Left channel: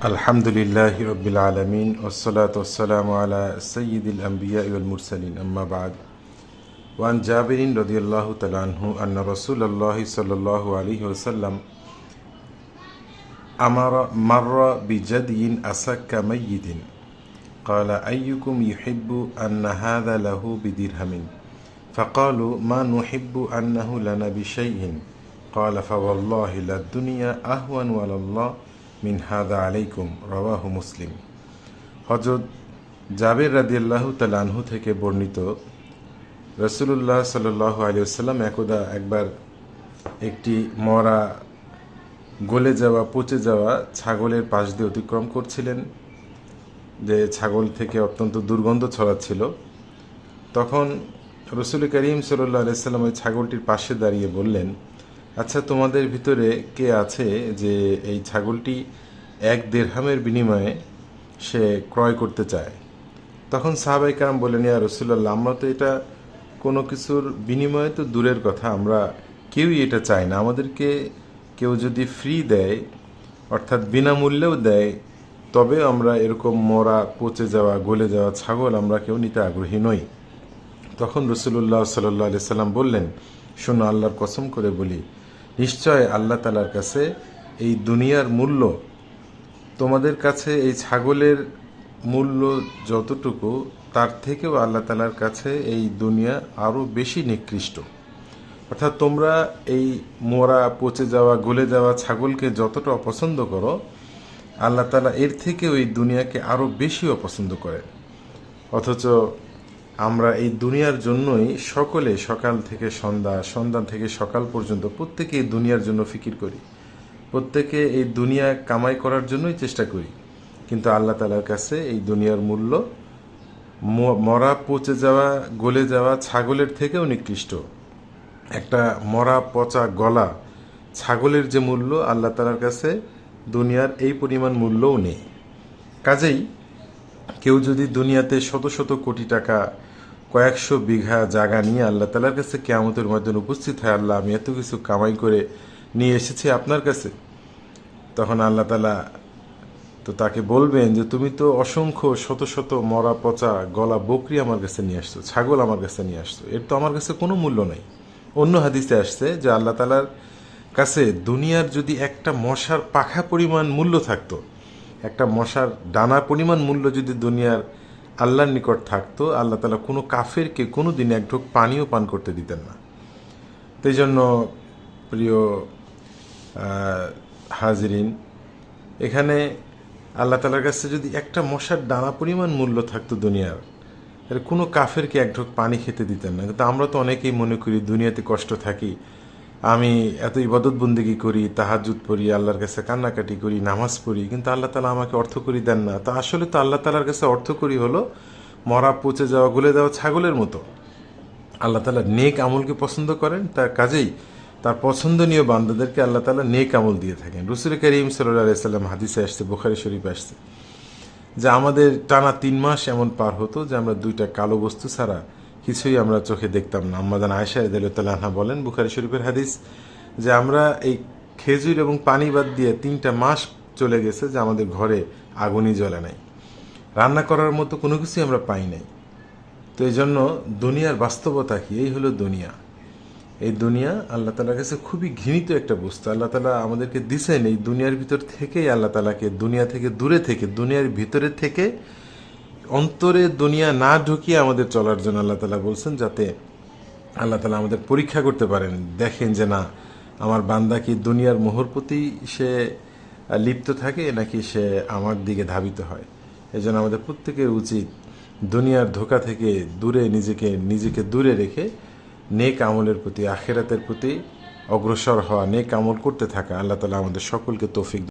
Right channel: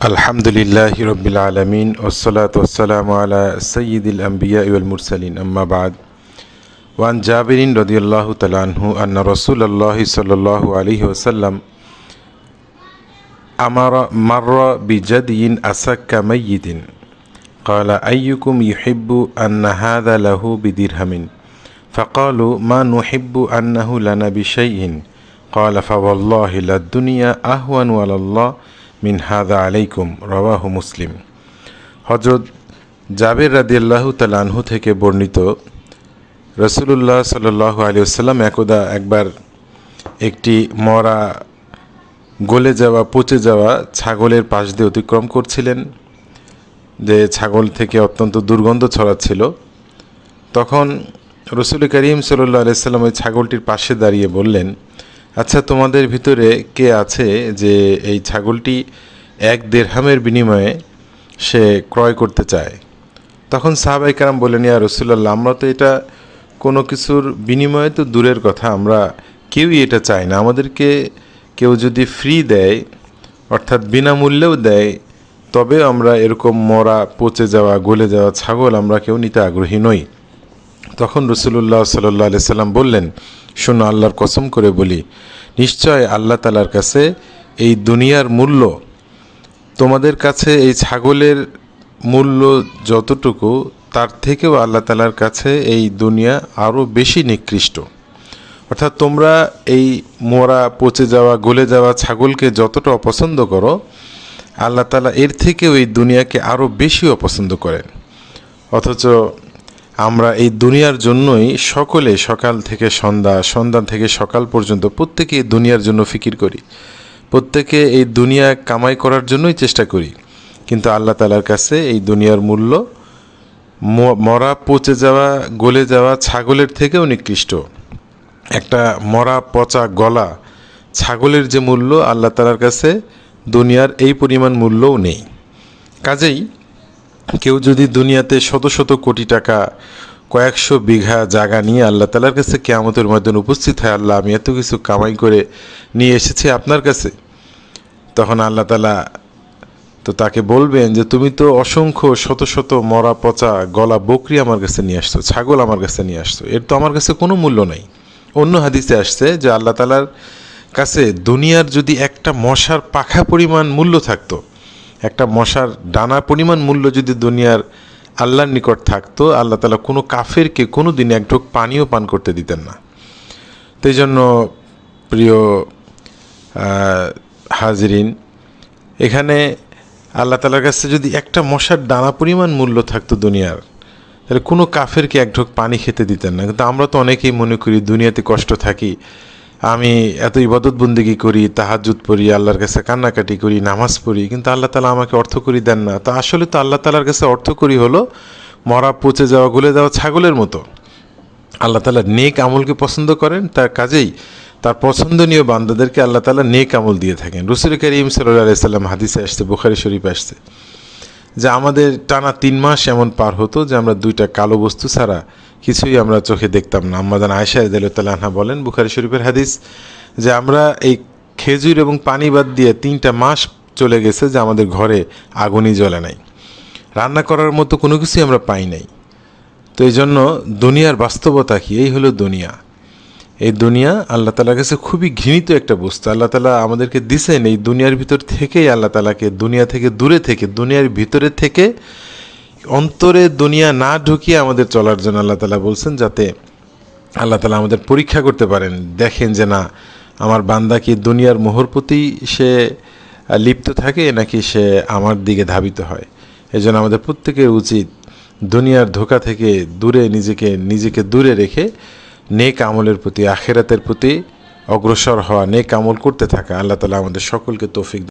الحمد لله رب العالمين والصلاة والسلام على سيد الأنبياء والمرسلين أما بعد وعن جابر رضي الله تعالى عنه أن رسول الله صلى الله عليه وسلم أمر مر بجدي أسك ميت قال أيكم يحب أن هذا له بدرهم فقالوا ما نحب أنه لنا بشيء قال فوالله للدنيا أهون على الله মিন হাদা আলাইকুম, রওয়াহু মুসলিম। হজরত জাবের রাদিয়াল্লাহু তালানহু থেকে বর্ণিত, রসুলুল্লাহ সাল্লাহ আলী আসসালাম একদা একবার একটি মরা, গলে যাওয়া, পচে যাওয়া ছাগলের পাশ দিয়ে অতিক্রম করছিলেন, যে ছাগল থেকে অত্যন্ত দুর্গন্ধ ছড়াচ্ছিল। তখন রসুল করিম সাল্লাহ আলাইসাল্লাম ওই ছাগলটির পাশে দাঁড়িয়ে বললেন আচ্ছা তোমাদের ভিতরে কে আছে যে এই ছাগলটি এক দেড়হামের বিনিময়ে সে ক্রয় করতে চায়? তখন সাহাবাই কারাম বললেন, ইয়া রসুল্লাহ আমরা তো এটা কোনো কিছুর বিনিময়ে তো দূরের কথা, আমরা কেউই এটা চাই না। আমাদেরকে কেউ যদি ফ্রি দেয়, অর্থাৎ বিনামূল্যেও দেয়, তবে আমরা এরকম মরা, পচে যাওয়া, গলে যাওয়া ছাগল আমরা কেউ নিতে আগ্রহী নই। তখন রসুল্লাহ সাল্লাহ সাল্লাম বললেন শোনো, আল্লাহর কসম করে বলি, নিশ্চয় আল্লাহ তালার কাছে এই দুনিয়ার মূল্য, তোমাদের কাছে এই ছাগলের মূল্য যতটুকু, তার থেকেও আল্লাহ তালার কাছে এই দুনিয়া আরও বেশি নিকৃষ্ট। অর্থাৎ তোমরা এই মরা, পচে যাওয়া, গলে যাওয়া ছাগলকে যতটা অপছন্দ করো, আল্লাহ তালা এর থেকেও এই দুনিয়াকে আরও বেশি অপছন্দ করেন। অথচ আমরা এই দুনিয়ার জন্যই সকলে সকাল থেকে সন্ধ্যা সন্ধ্যা থেকে সকাল পর্যন্ত প্রত্যেকে এই দুনিয়ার জন্য ফিকির করি। প্রত্যেকে এই দুনিয়া কামাই করার জন্যই চেষ্টা করি। কিন্তু আল্লাহ তালার কাছে এই দুনিয়ার মূল্য মরা, পচে যাওয়া, গলে যাওয়া ছাগলের থেকেও নিকৃষ্ট। একটা মরা, পচা গলা ছাগলের যে মূল্য আল্লাহ তালার কাছে দুনিয়ার এই পরিমাণ মূল্যও নেই। কাজেই কেউ যদি দুনিয়াতে শত শত কোটি টাকা, কয়েকশো বিঘা জায়গা নিয়ে আল্লাহ তালার কাছে কেয়ামতের মধ্যে উপস্থিত হয়, আল্লাহ আমি এত কিছু কামাই করে নিয়ে এসেছি আপনার কাছে। তখন আল্লাহ তালা তো তাকে বলবেন যে, তুমি তো অসংখ্য শত শত মরা পচা গলা বকরি আমার কাছে নিয়ে আসছো, ছাগল আমার কাছে নিয়ে আসছো। এর তো আমার কাছে কোনো মূল্য নেই। অন্য হাদিসে আসছে যে, আল্লাহ তালার কাছে দুনিয়ার যদি একটা মশার পাখা পরিমাণ মূল্য থাকতো একটা মশার ডানা পরিমাণ মূল্য যদি দুনিয়ার আল্লাহর নিকট থাকতো, আল্লাহ তালা কোনো কাফেরকে কোনো দিন এক ঢোক পানিও পান করতে দিতেন না। তো এই জন্য প্রিয় হাজরিন, এখানে আল্লাহ তালার কাছে যদি একটা মশার ডানা পরিমাণ মূল্য থাকতো দুনিয়ার, তাহলে কোনো কাফেরকে এক ঢোক পানি খেতে দিতেন না। কিন্তু আমরা তো অনেকেই মনে করি দুনিয়াতে কষ্ট থাকি আমি এত ইবাদত বন্দিগি করি তাহাজুদ পড়ি, আল্লাহর কাছে কান্নাকাটি করি, নামাজ পড়ি, কিন্তু আল্লাহ তালা আমাকে অর্থ করি দেন না। তো আসলে তো আল্লাহ তালার কাছে অর্থ করি হলো মরা, পচে যাওয়া, গলে যাওয়া ছাগলের মতো। আল্লাহ তালা নেক আমলকে পছন্দ করেন, তার কাজেই তার পছন্দনীয় বান্দাদেরকে আল্লাহ তালা নেক আমল দিয়ে থাকেন। রসুল করিম সাল্লাম হাদিসে আসছে, বুখারি শরীফ আসছে, যে আমাদের টানা তিন মাস এমন পার হতো যে আমরা দুইটা কালো বস্তু ছাড়া কিছুই আমরা চোখে দেখতাম না। আমাদান আয়সা আনহা বলেন, বুখারি শরীফের হাদিস যে আমরা এই খেজুর এবং পানি বাদ দিয়ে তিনটা মাস চলে গেছে যে আমাদের ঘরে আগুনই জ্বলে নাই। রান্না করার মতো কোনো কিছুই আমরা পাই নাই। তো এই জন্য দুনিয়ার বাস্তবতা কি? এই হলো দুনিয়া। এই দুনিয়া আল্লাহ তালার কাছে খুবই ঘৃণিত একটা বস্তু। আল্লাহ তালা আমাদেরকে দিছেন এই দুনিয়ার ভিতর থেকেই আল্লাহ তালাকে দুনিয়া থেকে দূরে থেকে, দুনিয়ার ভিতরে থেকে অন্তরে দুনিয়া না ঢুকিয়ে আমাদের চলার জন্য আল্লাহ তালা বলছেন যাতে আল্লাহ তালা আমাদের পরীক্ষা করতে পারেন। দেখেন যে না, আমার বান্দা কি দুনিয়ার মোহর প্রতি সে লিপ্ত থাকে নাকি সে আমার দিকে ধাবিত হয়? এই জন্য আমাদের প্রত্যেকের উচিত দুনিয়ার ধোকা থেকে দূরে নিজেকে নিজেকে দূরে রেখে নেক আমলের প্রতি, আখেরাতের প্রতি অগ্রসর হওয়া, নেক আমল করতে থাকা আল্লাহ তালা আমাদের সকলকে তৌফিক